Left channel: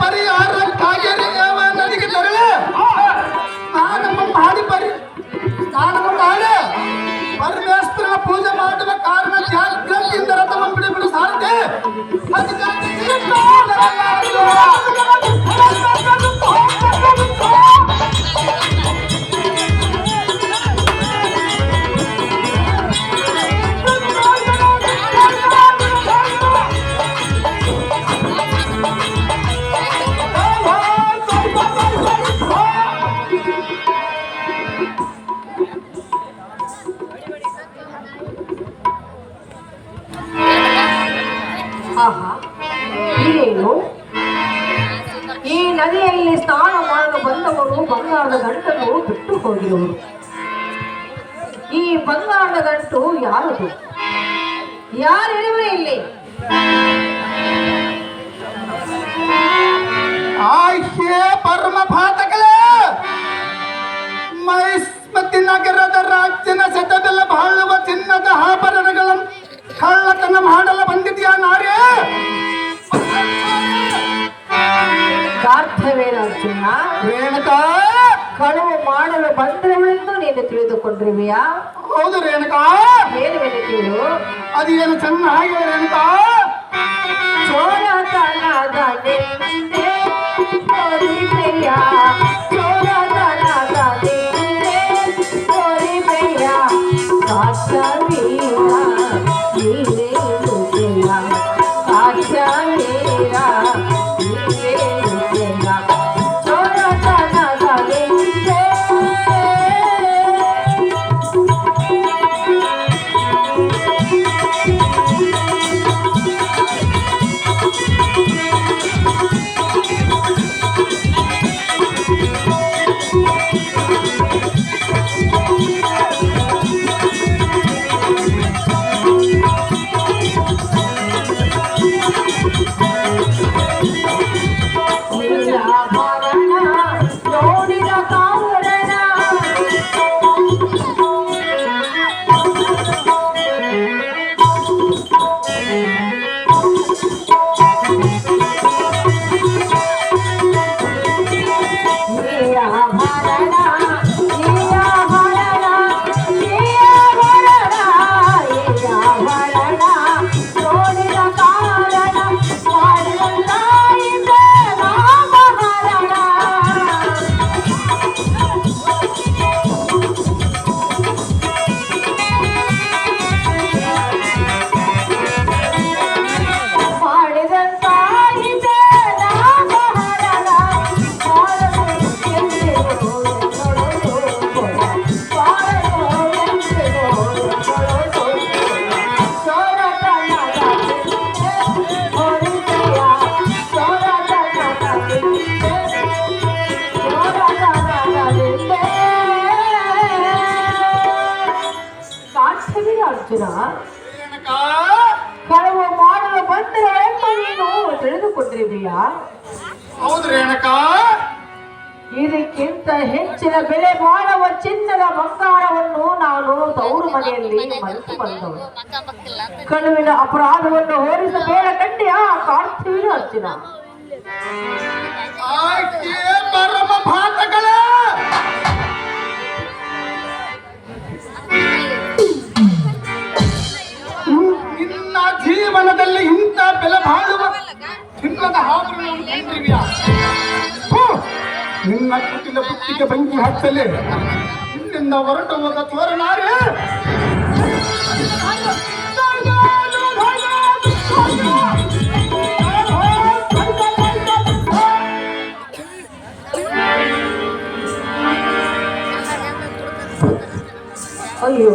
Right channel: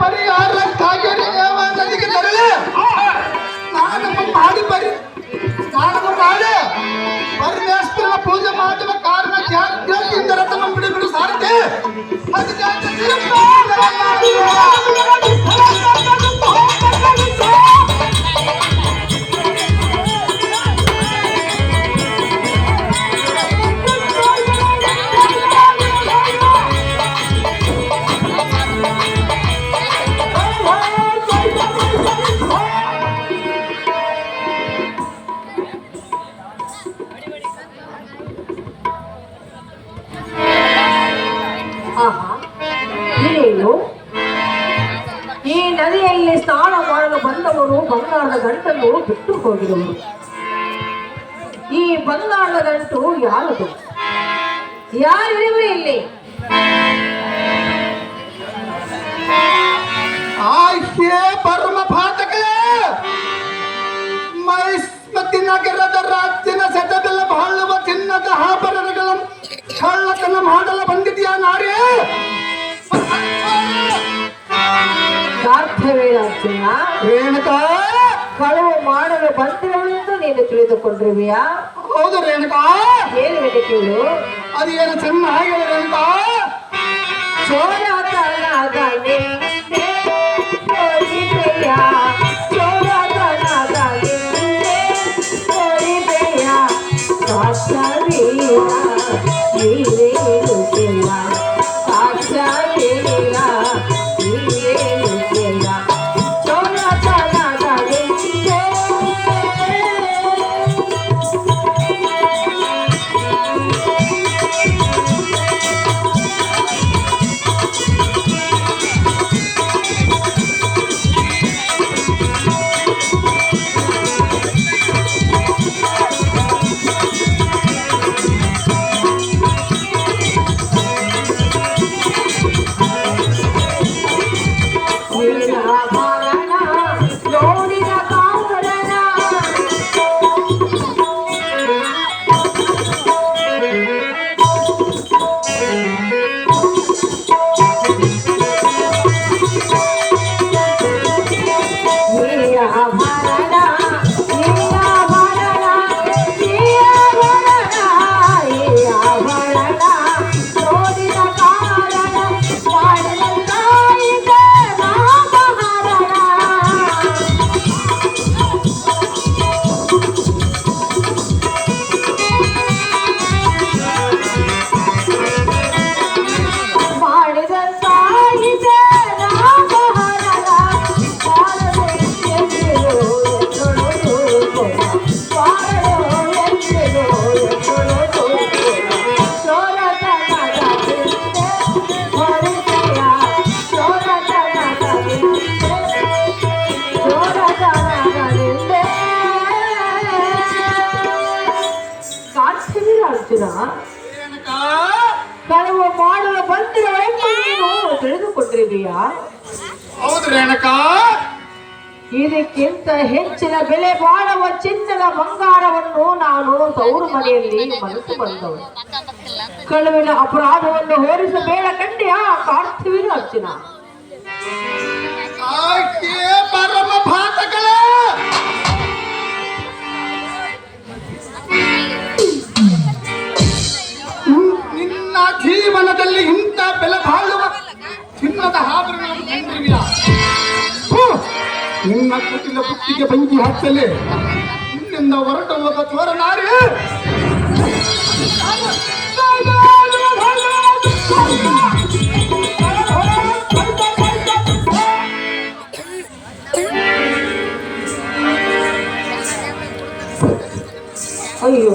ಪರಿಹಾರಕ್ಕಾಗಿ ನದಿಗೆ ತೆರಳಿ ಸ್ನಾನವ ಮಾಡಿ ಸ್ನಾನವ ಮಾಡಿ ಪರಮೇಶ್ವರನ ಪೂಜೆ ಮಾಡುವ ಕಾರಣ ಜಾಗ್ರತೆಯಿಂದ ರಥವನ್ನು ಬಿಡು ಸಾರಥಿ ಈ ನದಿಯಲ್ಲಿ ಸ್ನಾನ ಮಾಡಲು ಬಂದವರು ಬಂಗಾರದ ಗಂಟನ್ನು ಬಿಟ್ಟು ಹೋಗಿದರು. ಈ ಬಂಗಾರದ ಗಂಟು ಯಾರದು? ಯಾರಿರುವೆ ಇಲ್ಲಿ? ಆಯ್ಕೆ ಪರಮ ಪಾತಕಲೇ ಮೈಸ್ಮತಿ ನಗರದ ರಾಜ್ಯನ ಸೆಟಬೆಲ್ಲ ಬಾಳುವ ಚಿನ್ನದ ಆಭರಣಗಳನ್ನು ಕಳ್ಳತನ ಮಾಡಲು ಬಂದಿದ್ಯಾ ನಾರೇ? ಸಾಧ್ಯವೇನ ರೇಣುಕಾ? ಕಳುವು ಮಾಡಲು ಬಂದಿರುವೆಂದು ನೀನು ತಿಳಿದುಕೊಂಡಿರುವೆಯಾ? ಹೌದು ರೇಣುಕಾ. ಏನು ಕೇಳು. ಅದೇನು ಚೆನ್ನಾಗಿ ರೇಣುಕಾ. ಕಳುವು ಮಾಡಲು ಬಂದಿರುವೆಂದು ನೀನು ತಿಳಿದುಕೊಂಡಿದೆಯಾ? ಹೌದು ರೇಣುಕಾ. ಇದಕ್ಕಿಂತ ಹೆಚ್ಚಿನ ಬೆಲೆ ಬಾಳುವ ಚಿನ್ನದ ಬಂಗಾರವನ್ನು ನಾನು ತವರು ಮನೆಯಲ್ಲಿ ಮರೆತು ಬಂದವು. ಕಳುವಿನ ಅಪರಾಧವನ್ನು ಹೋಲಿಸಬೇಡ ಕಂಡ್ಯಾ ಕಾರ್ತಿವೀರ ಅರ್ಜುನ. ಪರಮ ಭಾತಗಳೇ ನಿನ್ನ ಜೀವನದಲ್ಲಿ ಇಂಥ ಬೆಲೆ ಬಾಳುವ ಚಿನ್ನದ ಆಭರಣಗಳು ನಿನ್ನ ಕುಟಿಲ ಬುತ್ತಿಗೆ ಬೆಂಕಿ ಹಚ್ಚಲಿ. ನಿನ್ನಿಂದ ಹೊರಟು ಹೋದ ಚೋರನಾರೆ. ಅಯ್ಯೋ